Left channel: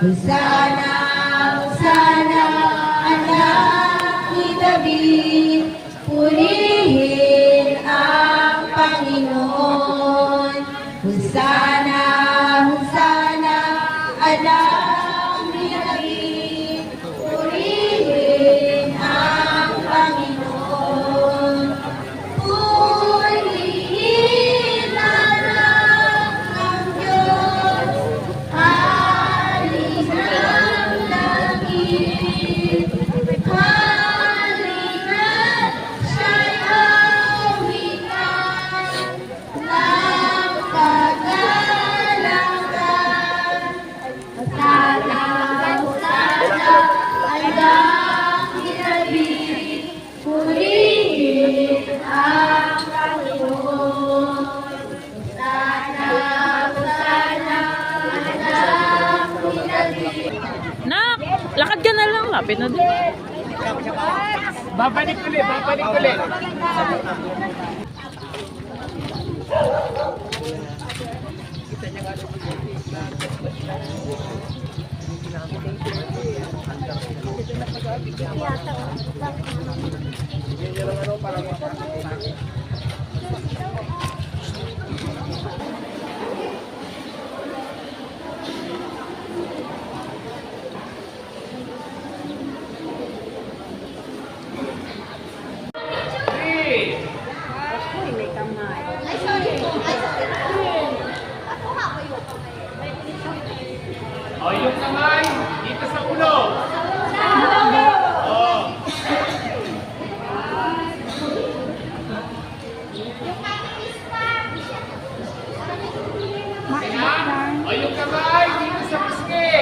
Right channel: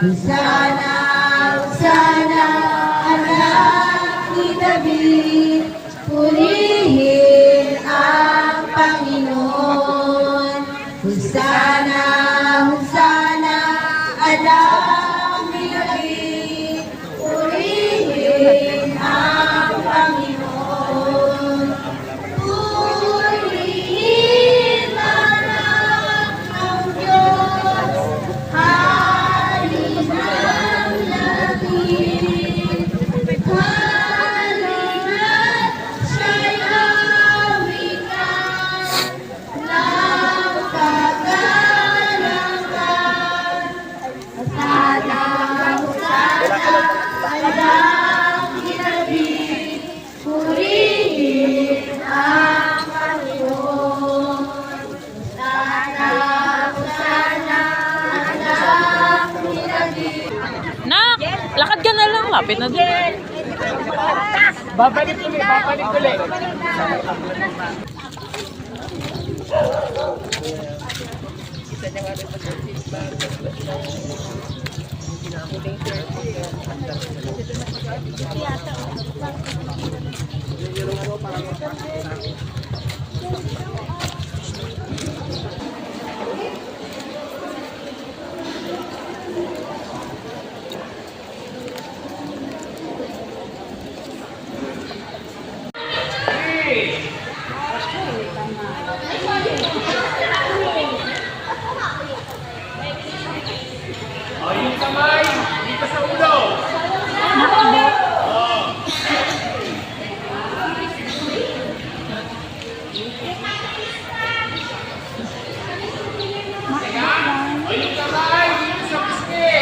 Hosana, Hosana, anak ni David, purihin ang Panginoon. Hosana, Hosana, anak ni David, purihin ang Panginoon. Purihin anak ang Diyos, hari ng langit. Halina't siya'y hawitan ng kagalakan. Hosana, Hosana, anak ni David, purihin ang Panginoon. Hosana, Hosana, anak ni David. Nak, lakad ka na lang. Lapit na din. Babalik ulit, babalik ulit. O, yung kamay, dito sa ulo. O, yung kamay, dito sa pisngi.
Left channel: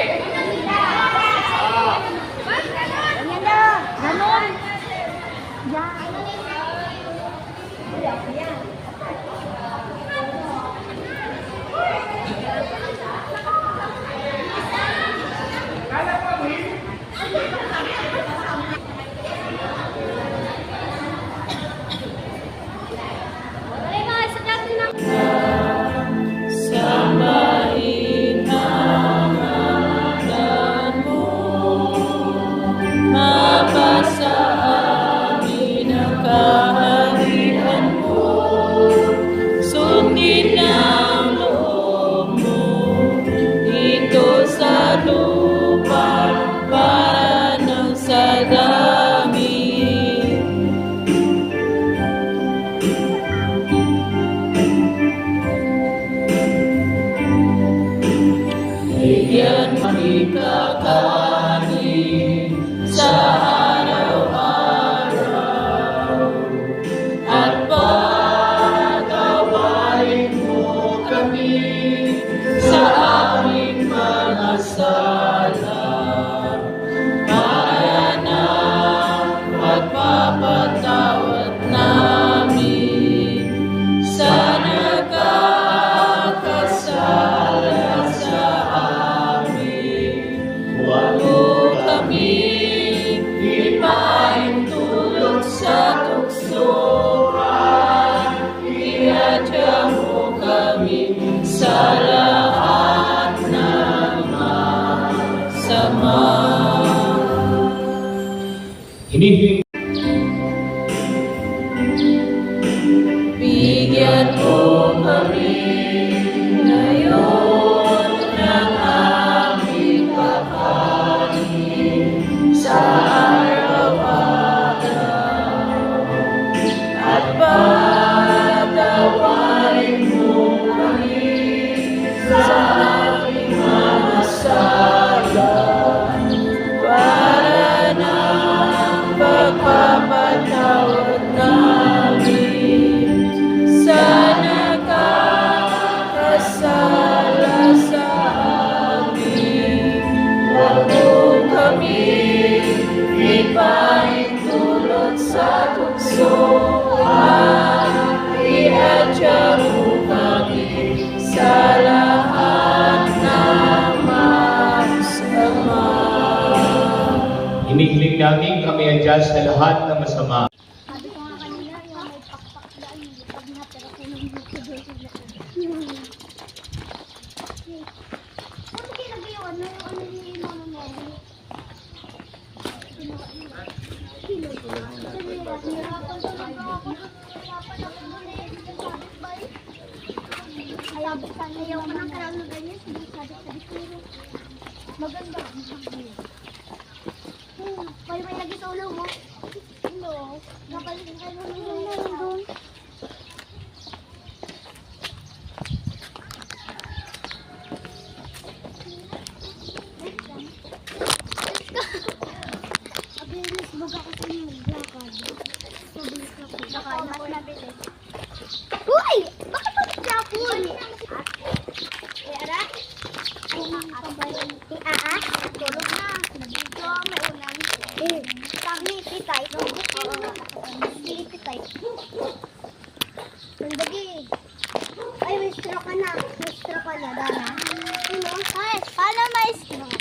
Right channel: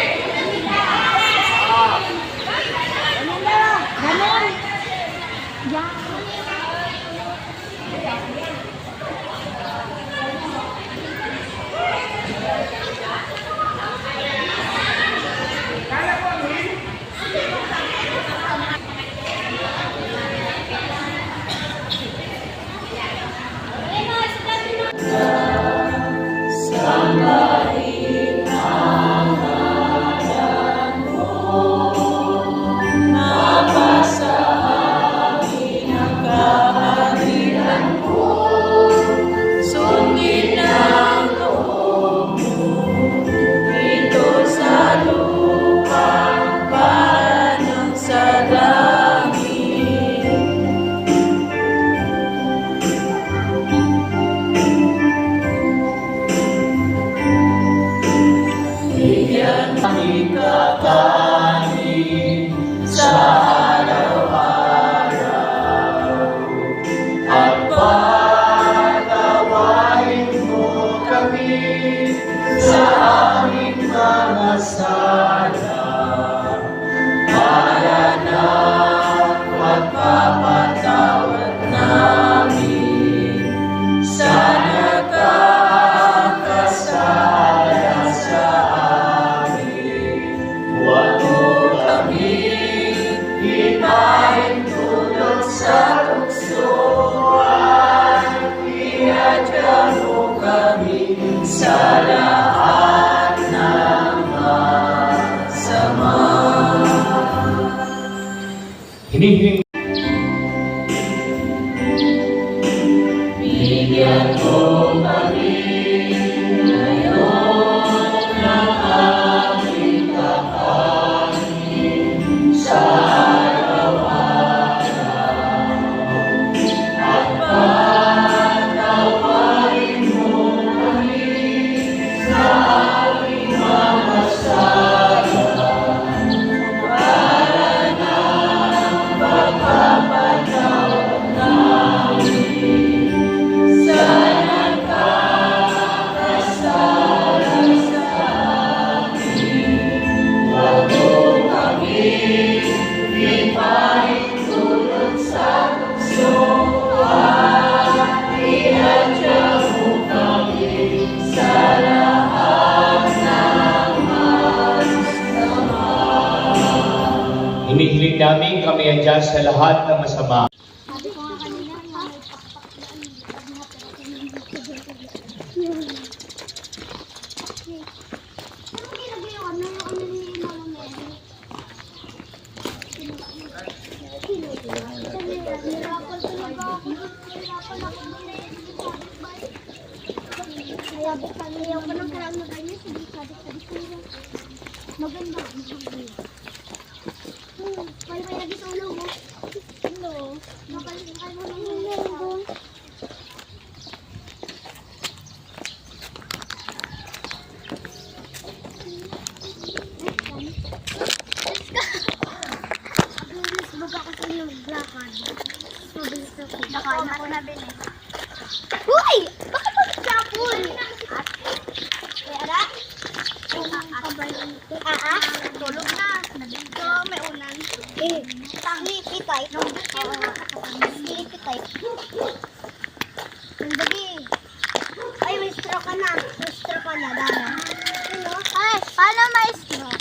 Hinihingi. Bigyan mo kami ngayon ng aming kakanin sa araw-araw. At patawarin mo kami sa aming mga sala para ng pagpapatawad namin sa nakakasala sa amin. Huwag mo kami ipahintulot sa tukso at iadya mo kami sa lahat ng masama. Hinihiling namin kami andyan sa lahat ng masama. Sabi ko nga kanina, nagpakpakdaan yung pag natira ko ng YouTube. Yun. Okay. Ano ginagawa na yung ano ni Ayaw ko ng karang na ganyan. Sabi ko. Maganda. Kaya may lagi sa ulo mo. Hello. Napalit ka mo ng ulo. Abilis, baga ko sa inyo maglakad. Mabilis ako. Nakain ako nabilis. Uy! Bakit mag-chapon? Ara? Tulog na. Nandito, may ulan. Sleepy type. Sleepy type. Nandagi. Ay, may straw ka na. May straw ka na, Dana. Ano? Ay, paano may straw?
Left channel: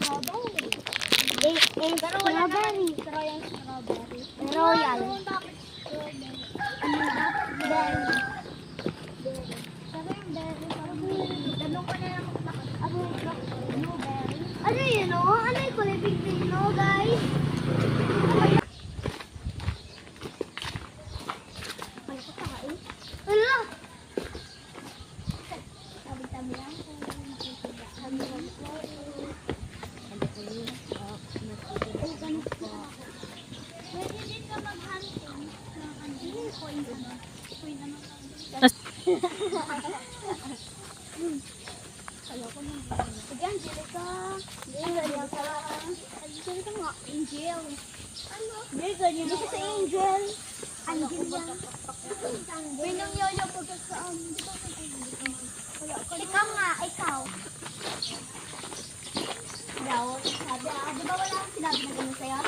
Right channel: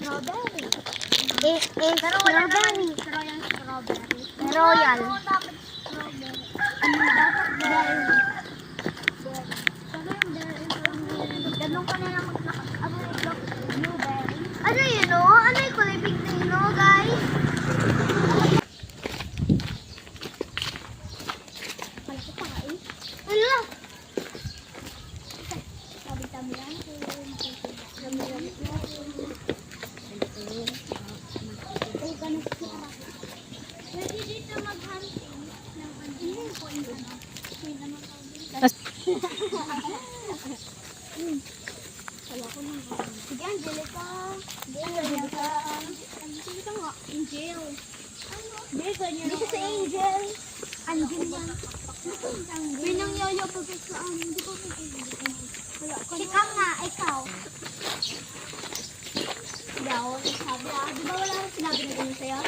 Strawberry. Pero wala naman straw yung strawberry. Royal. Ano dapat strawberry? Ano dapat berry? Ganun ka na lang blueberry. Ano yun o? Ano yung kulay pink na yun o, guys? Ay, ito pa eh. Wala! Tabi-tabi lang. Pwede dito mag-hunting ng ano? Point ano? Point ano? Kala ko nang sige, Angelica. Angelica. Angelica nga. Angel. Ano? Hindi, ganyan. Dito sa Angel. Angel yan. Binang yoyo pagkat sa hindi ko kasi. Ikaw nga, ikaw. Yaw, sabi di ba wala akong sinabi na ganyan sa'yo?